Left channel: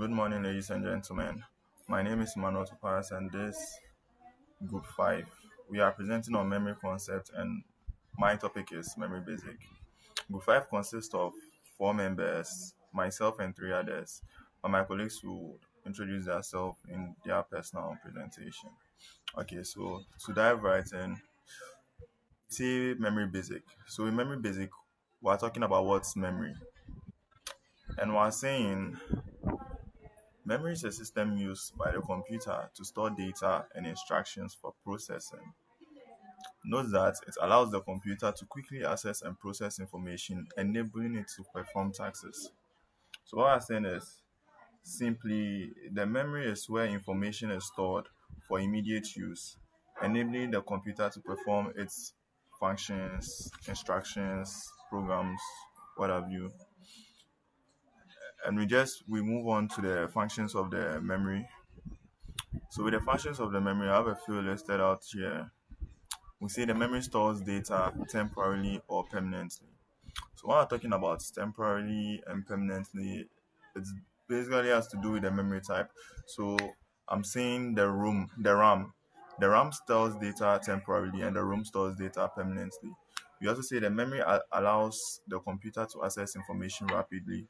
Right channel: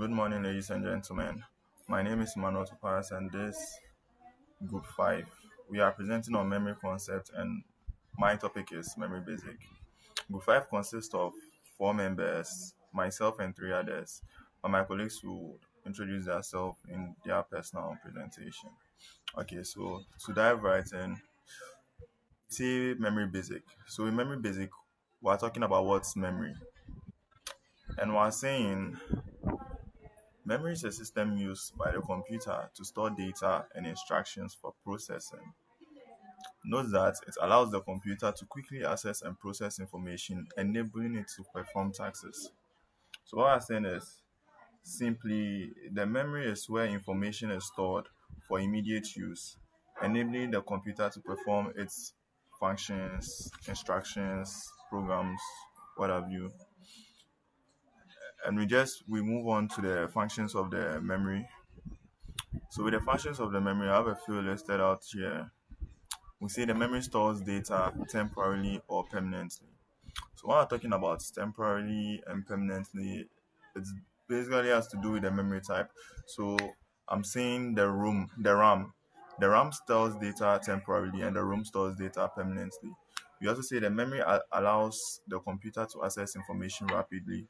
Good morning, ladies and gentlemen. My name is Manuel Tuparas, and this Group 5. We are presenting on memory concept, and my topic is memory basic. Group 5 consists of four members, myself and three others, and my colleagues will introduce themselves in their personal presentation. Okay, so to dive right in, see memory basic. So in memory basic, we're talking about what's memory, and we're saying memory is a system used by the computer to store data and instructions for processing. Note that it allows the computer to quickly access and process information, enabling it to perform tasks. So what I'm saying is simply the memory is where information is stored for immediate use, enabling the computer to perform its functions, instructions, programs, what have you. And we move on to the functions of the memory. So with the functions of the memory, I have a few listed out here. We say the memory stores data temporarily or permanently. So when we're talking about temporarily and permanently, it basically has to do with the memory type. So I'm saying the RAM. The RAM stores data temporarily and the ROM stores data permanently. We also say the memory allows the computer to access information rapidly.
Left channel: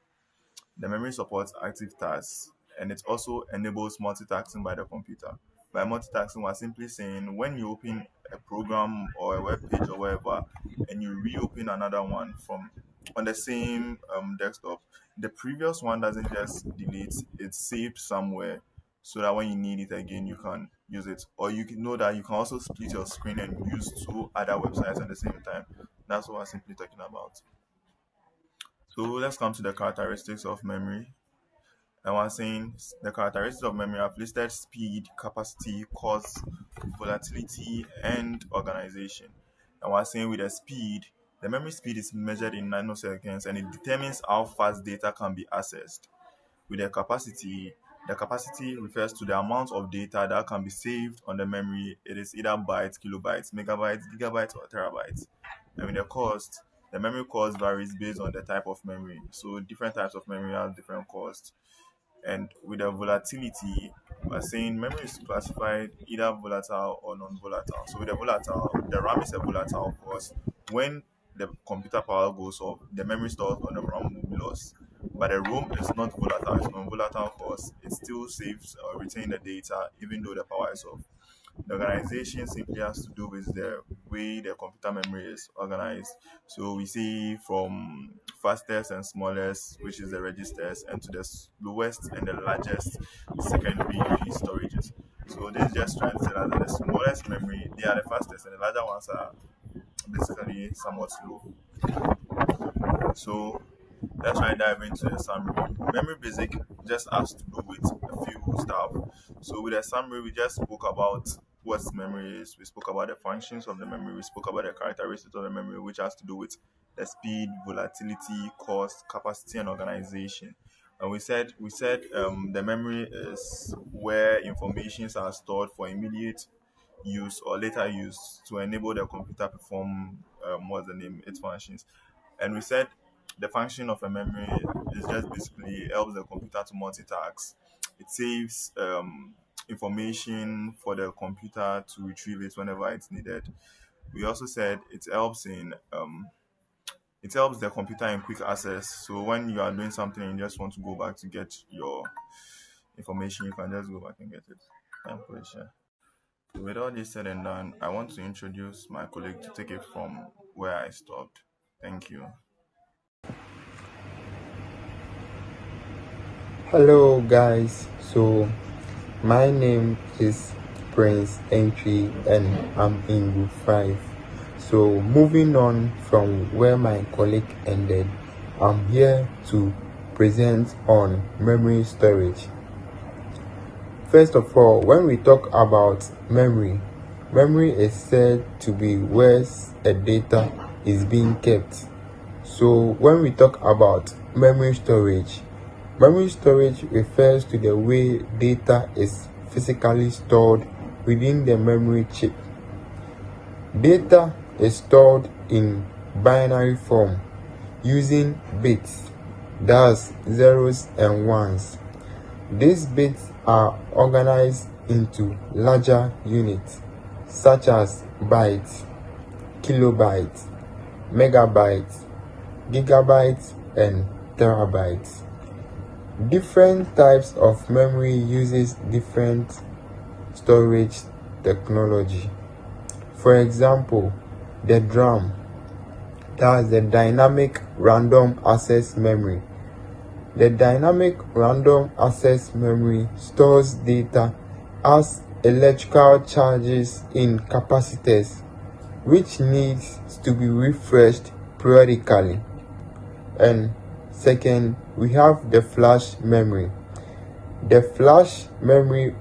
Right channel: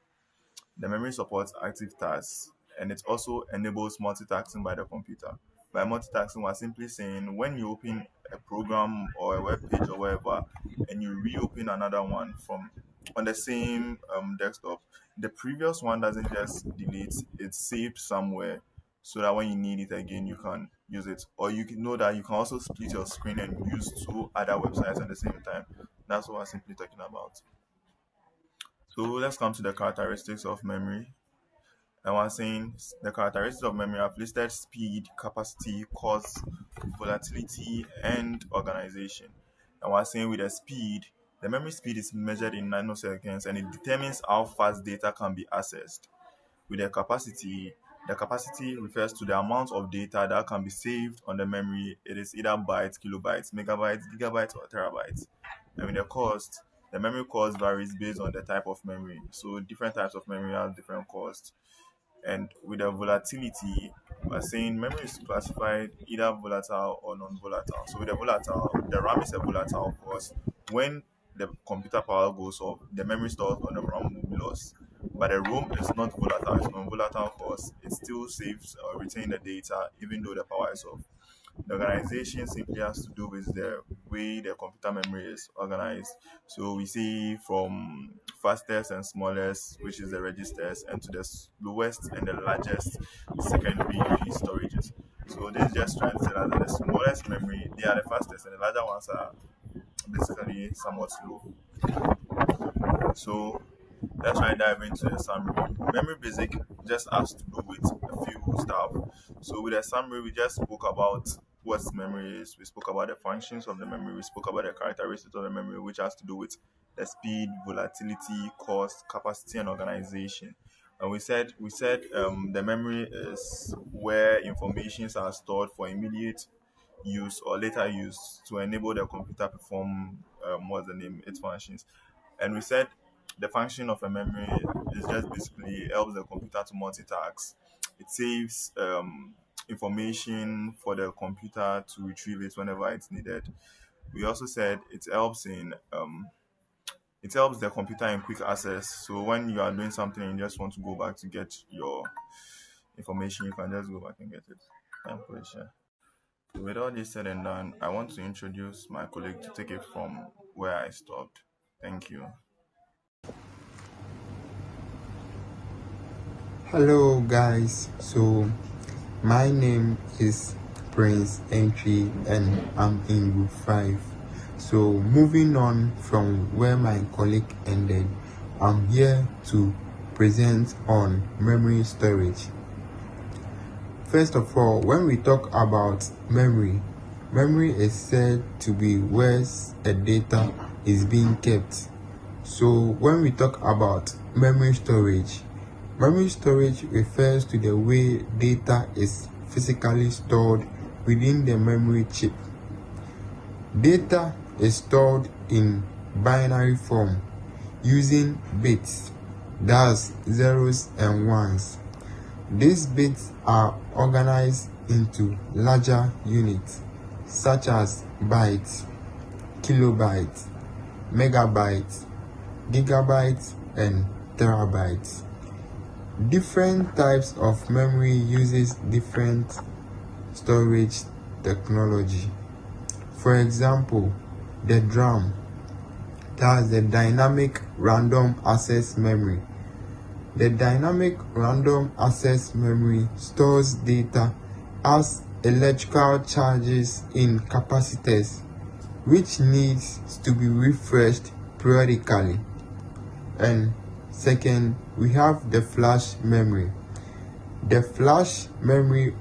The memory supports active tasks, and it also enables multitasking by the computer. By multitasking, we're simply saying when you open a program or a web page or whatever, and you reopen another one from on the same desktop, the previous one doesn't just delete; it's saved somewhere, so that when you need it again, you can use it. Or you can know that you can also split your screen and use two other websites at the same time. That's what we're simply talking about. So let's come to the characteristics of memory. And we're saying the characteristics of memory have listed speed, capacity, cost, volatility, and organization. And we're saying with the speed, the memory speed is measured in nanoseconds and it determines how fast data can be accessed. With the capacity refers to the amount of data that can be saved on the memory. It is either bytes, kilobytes, megabytes, gigabytes, or terabytes. And with the memory cost varies based on the type of memory. So different types of memory have different costs. And with the volatility, we're saying memory is classified either volatile or non-volatile. So with the volatile, the RAM is a volatile because when the computer power goes off, the memory stored on the RAM will be lost. But the ROM is not volatile, it's non-volatile because it still saves or retain the data even though the power is off. The organization simply has to do with the way the computer memory is organized. So we see from fastest and smallest, which is the registers, and to the slowest and the largest secondary storages. So this is just trying to tell us that the smallest memory, they are the fastest, and the larger ones are basically somewhat slow. So let's try and dive into the summary. Memory basic just has to do with a few stuff. So with the summary, we just spoke about what memory is. We spoke about the functions of the memory. We spoke about the characteristics of the memory, which has to do with the speed, volatility, cost, capacity, and organization. And we said the memory is where informations are stored for immediate use or later use to enable the computer perform what's the name its functions. And we said the function of a memory is just basically helps the computer to multitask. It saves information for the computer to retrieve it whenever it's needed. We also said it helps the computer in quick access. So when you are doing something and you just want to go back to get your information, you can just go back and get it. I'm pretty sure. With all this said and done, I want to introduce my colleague to take it from where I stopped. Thank you. Hello guys, so my name is Prince Entry and I'm in group 5. So moving on from where my colleague ended, I'm here to present on memory storage. First of all, when we talk about memory, memory is said to be where a data is being kept. So when we talk about memory storage refers to the way data is physically stored within the memory chip. Data is stored in binary form using bits, that's zeros and ones. These bits are organized into larger units such as bytes, kilobytes, megabytes, gigabytes, and terabytes. Different types of memory uses different storage technology. For example, the DRAM, that's the dynamic random access memory. The dynamic random access memory stores data as electrical charges in capacitors, which needs to be refreshed periodically. And second, we have the flash memory. The flash memory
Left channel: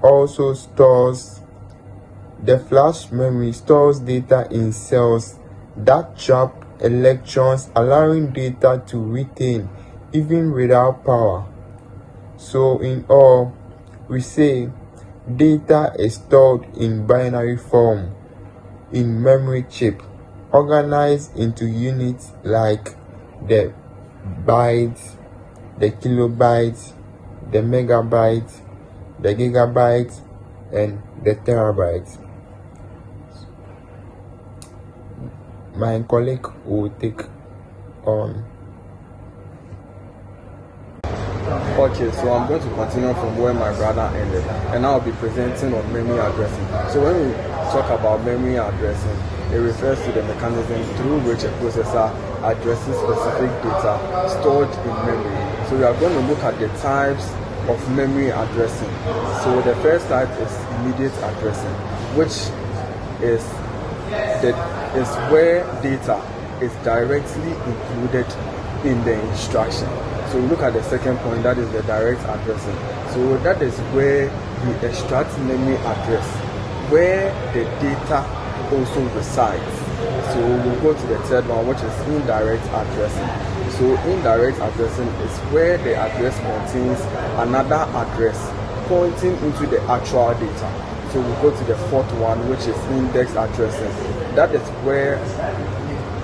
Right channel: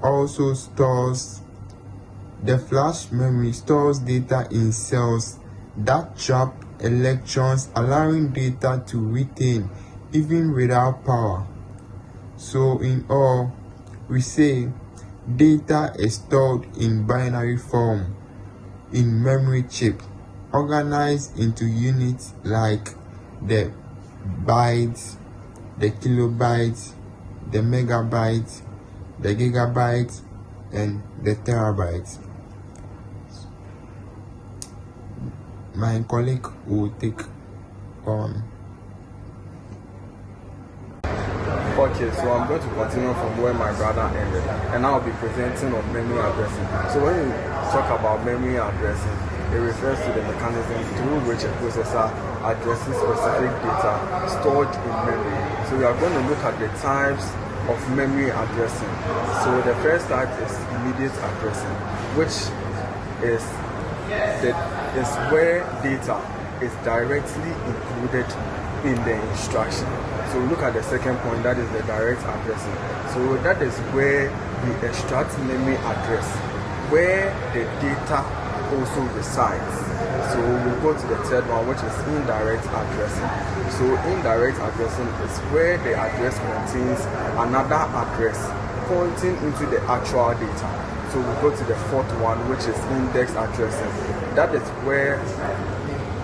stores data in cells that trap electrons, allowing data to retain even without power. So in all, we say data is stored in binary form in memory chip, organized into units like the bytes, the kilobytes, the megabytes, the gigabytes, and the terabytes. My colleague will take on. Okay, so I'm going to continue from where my brother ended, and I'll be presenting on memory addressing. So when we talk about memory addressing, it refers to the mechanism through which a processor addresses specific data stored in memory. So we are going to look at the types of memory addressing. So the first type is immediate addressing, which is where data is directly included in the instruction. So look at the second point, that is the direct addressing. So that is where we extract memory address, where the data also resides. So we'll go to the third one, which is indirect addressing. So indirect addressing is where the address contains another address pointing into the actual data. So we'll go to the fourth one, which is index addressing. That is where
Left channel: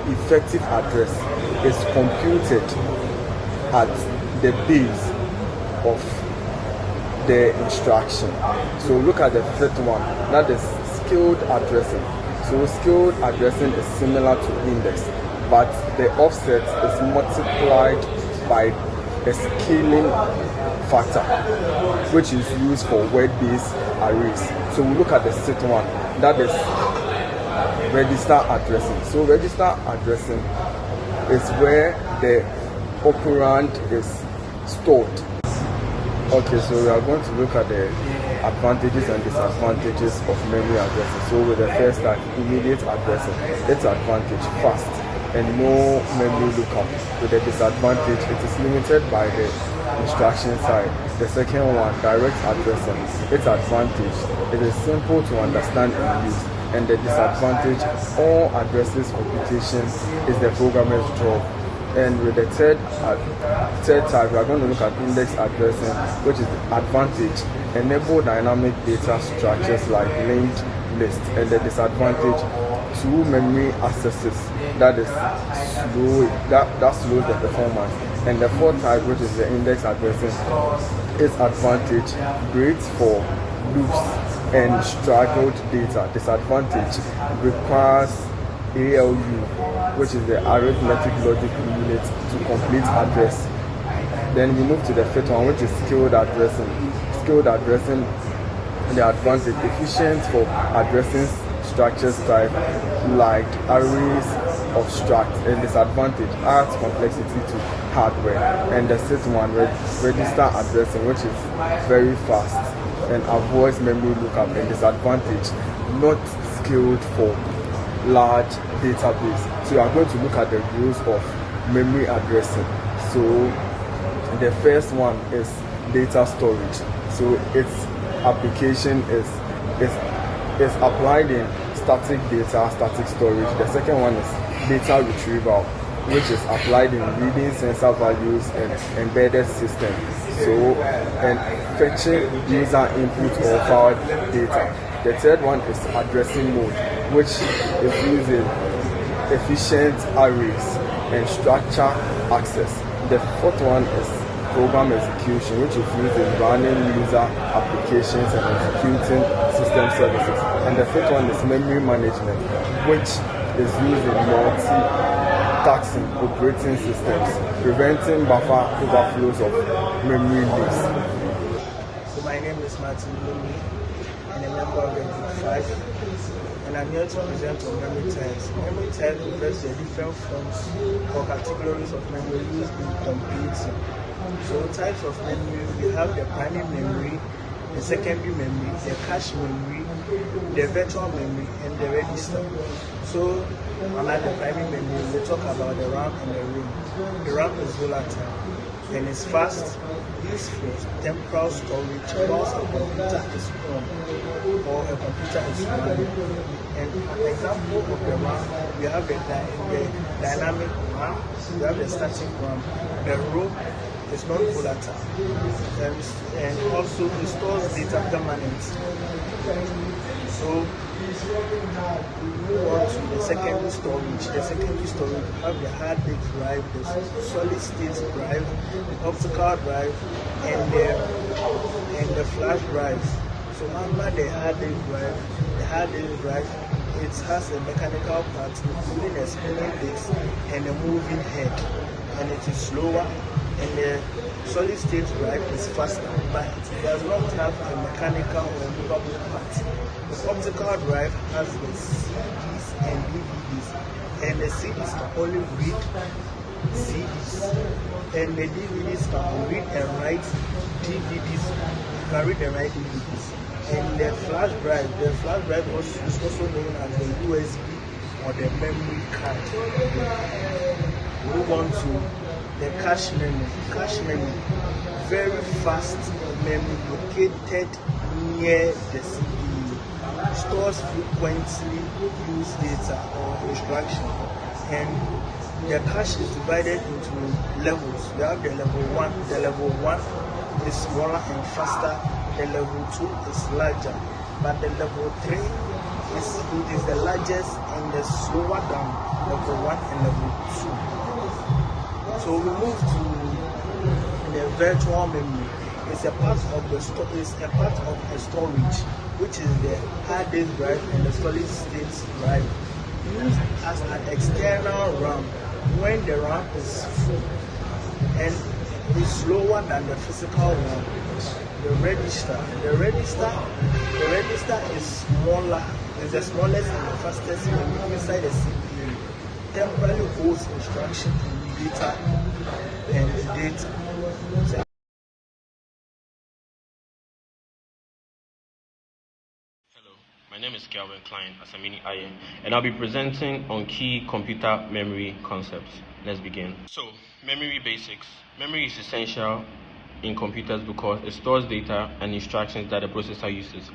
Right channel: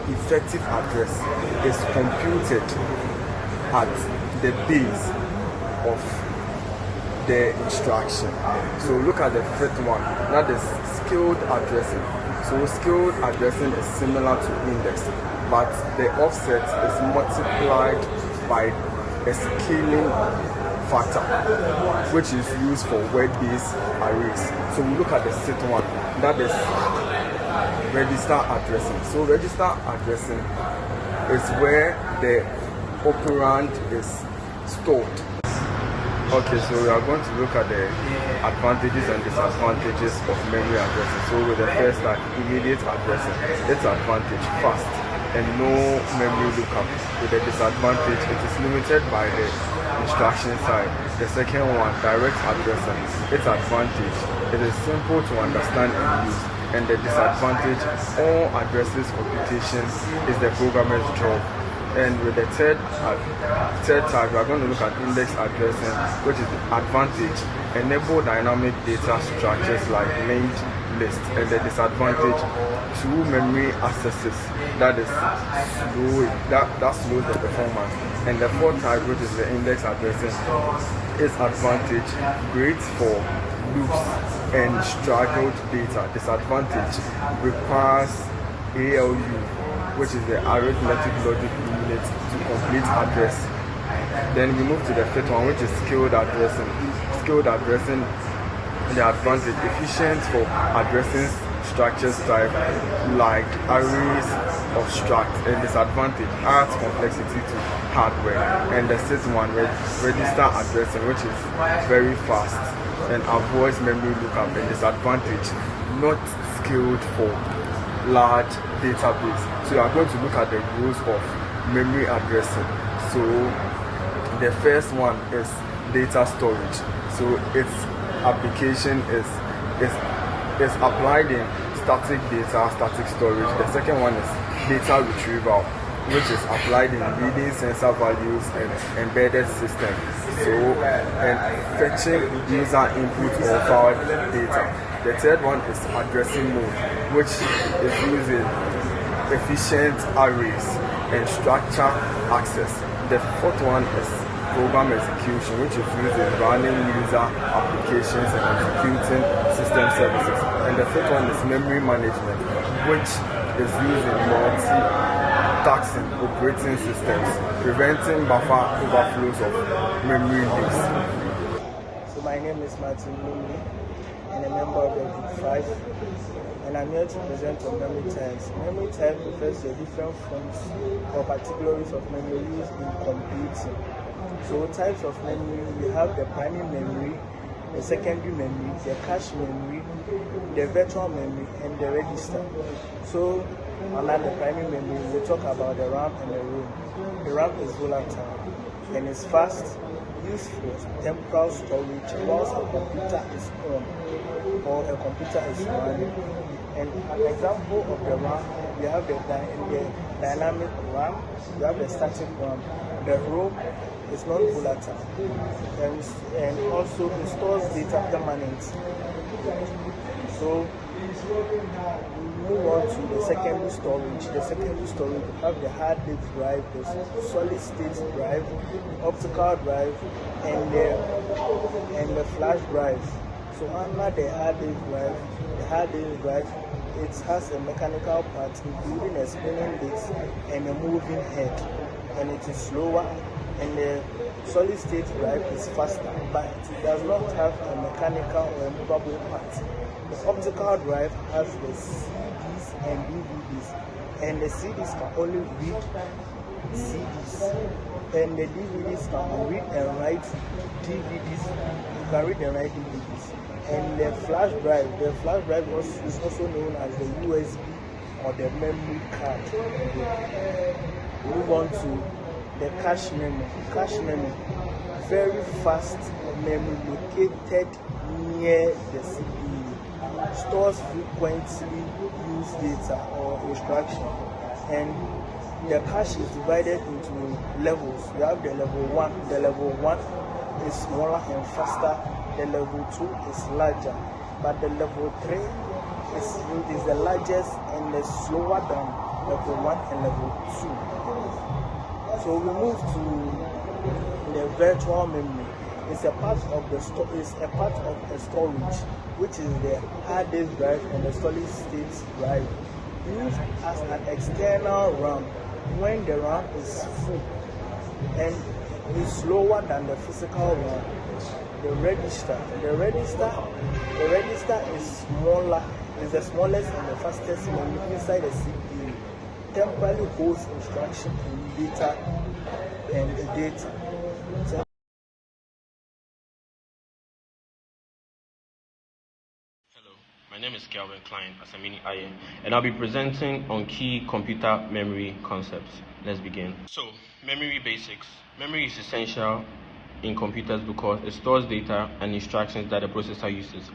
effective address is computed at the base of the instruction. So look at the fifth one, that is scaled addressing. So scaled addressing is similar to index, but the offset is multiplied by a scaling factor, which is used for word-based arrays. So we look at the sixth one, that is register addressing. So register addressing is where the operand is stored. Okay, so we are going to look at the advantages and disadvantages of memory addressing. So with the first type, immediate addressing, its advantage, fast and no memory lookup. With the disadvantage, it is limited by the instruction side. The second one, direct addressing, its advantage, it is simple to understand and use. And the disadvantage, all addresses computation is the programmer's job. And with the third type, we are going to look at index addressing, which is the advantage, enable dynamic data structures like linked lists. And the disadvantage, two memory accesses, that is slow, that slows the performance. And the fourth type, which is the index addressing, is advantage, great for loops and struggled data. Disadvantage, requires ALU, which is the arithmetic logic unit, to complete address. Then we move to the fifth one, which is scaled addressing. Scaled addressing, the advantage, efficient for addressing structures type like arrays of struct, and disadvantage, adds complexity to hardware. And the sixth one, register addressing, which is very fast and avoids memory lookup. And disadvantage, not skilled for large database. So you are going to look at the rules of memory addressing. So the first one is data storage. So its application is applied in static data, static storage. The second one is data retrieval, which is applied in reading sensor values and embedded systems. So, and fetching user input or file data. The third one is addressing mode, which is using efficient arrays and structure access. The fourth one is program execution, which is used in running user applications and executing system services. And the fifth one is memory management, which is used in multi-tasking operating systems, preventing buffer overflows of memory leaks. So my name is Martin Lumley, and a member of the Group 5. And I'm here to present on memory types. Memory types refers to different forms or categories of memory used in computing. So types of memory, we have the primary memory, the secondary memory, the cache memory, the virtual memory, and the register. So under the primary memory, we talk about the RAM and the ROM. The RAM is volatile and it's fast, used for temporal storage whilst a computer is on or a computer is running. And an example of the RAM, we have the dynamic RAM, we have the static RAM. The ROM is non-volatile and also it stores data permanently. So we move on to the secondary storage. The secondary storage, we have the hard disk drive, the solid state drive, the optical drive, and the flash drive. So under the hard disk drive, it has a mechanical part including a spinning disk and a moving head, and it is slower. And the solid state drive is faster, but it does not have a mechanical or a movable part. The optical drive has the CDs and DVDs, and the CDs can only read CDs, and the DVDs can read and write DVDs. You can read and write DVDs. And the flash drive is also known as the USB or the memory card. Move on to the cache memory. Cache memory, very fast memory located near the CPU, stores frequently used data or instruction. And the cache is divided into levels. We have the level 1. The level 1 is smaller and faster. The level 2 is larger. But the level 3 is the largest and the slower than level 1 and level 2. So we move to the virtual memory. It's a part of the storage, which is the hard disk drive and the solid state drive, used as an external RAM when the RAM is full and is slower than the physical one. The register is smaller, is the smallest and the fastest memory inside the CPU. Temporarily holds instruction and data and the data. Hello, my name is Kelvin Klein Asamini Aye, and I'll be presenting on key computer memory concepts. Let's begin. So, memory basics. Memory is essential in computers because it stores data and instructions that the processor uses.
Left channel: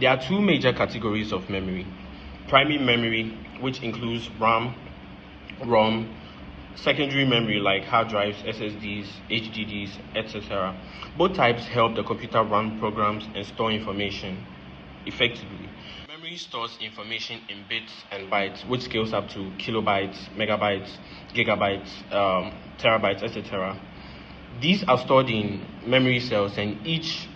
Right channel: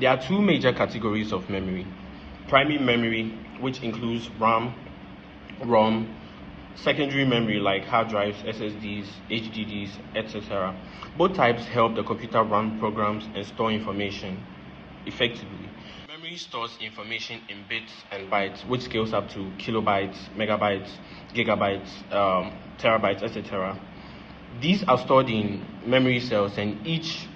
There are two major categories of memory. Primary memory, which includes RAM, ROM, secondary memory like hard drives, SSDs, HDDs, etc. Both types help the computer run programs and store information effectively. Memory stores information in bits and bytes, which scales up to kilobytes, megabytes, gigabytes, terabytes, etc. These are stored in memory cells, and each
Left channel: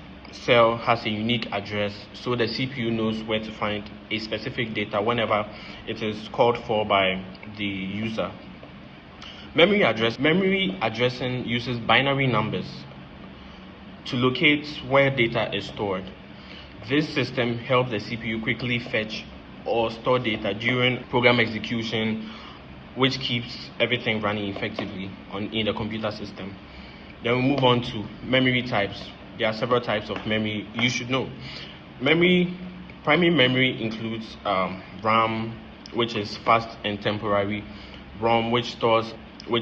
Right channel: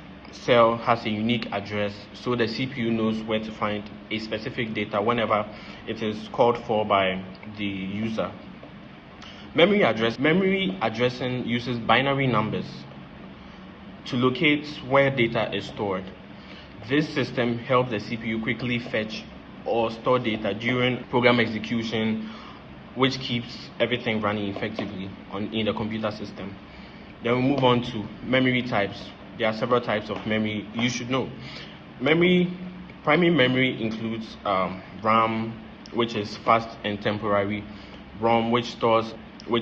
cell has a unique address, so the CPU knows where to find a specific data whenever it is called for by the user. Memory addressing uses binary numbers to locate where data is stored. This system helps the CPU quickly fetch or store data during program execution, which keeps everything running effectively in the computer system. Then we move on to memory types. There are several types of memory you should know. Primary memory includes RAM, which is fast and temporary, ROM, which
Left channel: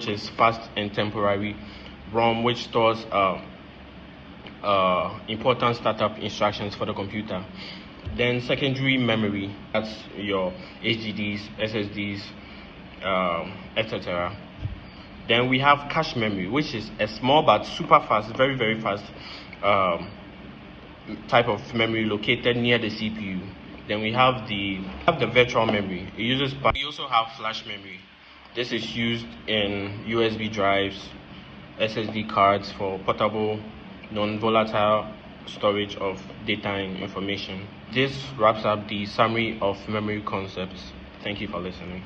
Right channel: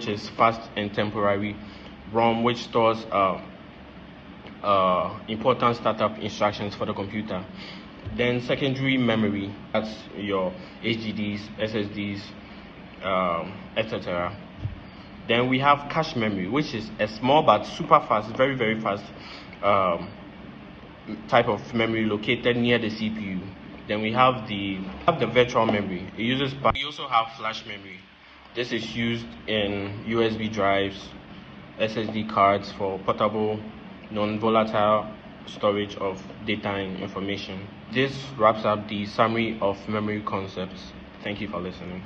is fast and temporary, ROM, which stores important startup instructions for the computer. Then secondary memory, that's your HDDs, SSDs, etc. Then we have cache memory, which is a small but super fast, very, very fast type of memory located near the CPU. Then we have the virtual memory. We also have flash memory. This is used in USB drives, SSD cards for portable, non-volatile storage of data and information. This wraps up the summary of memory concepts. Thank you for listening.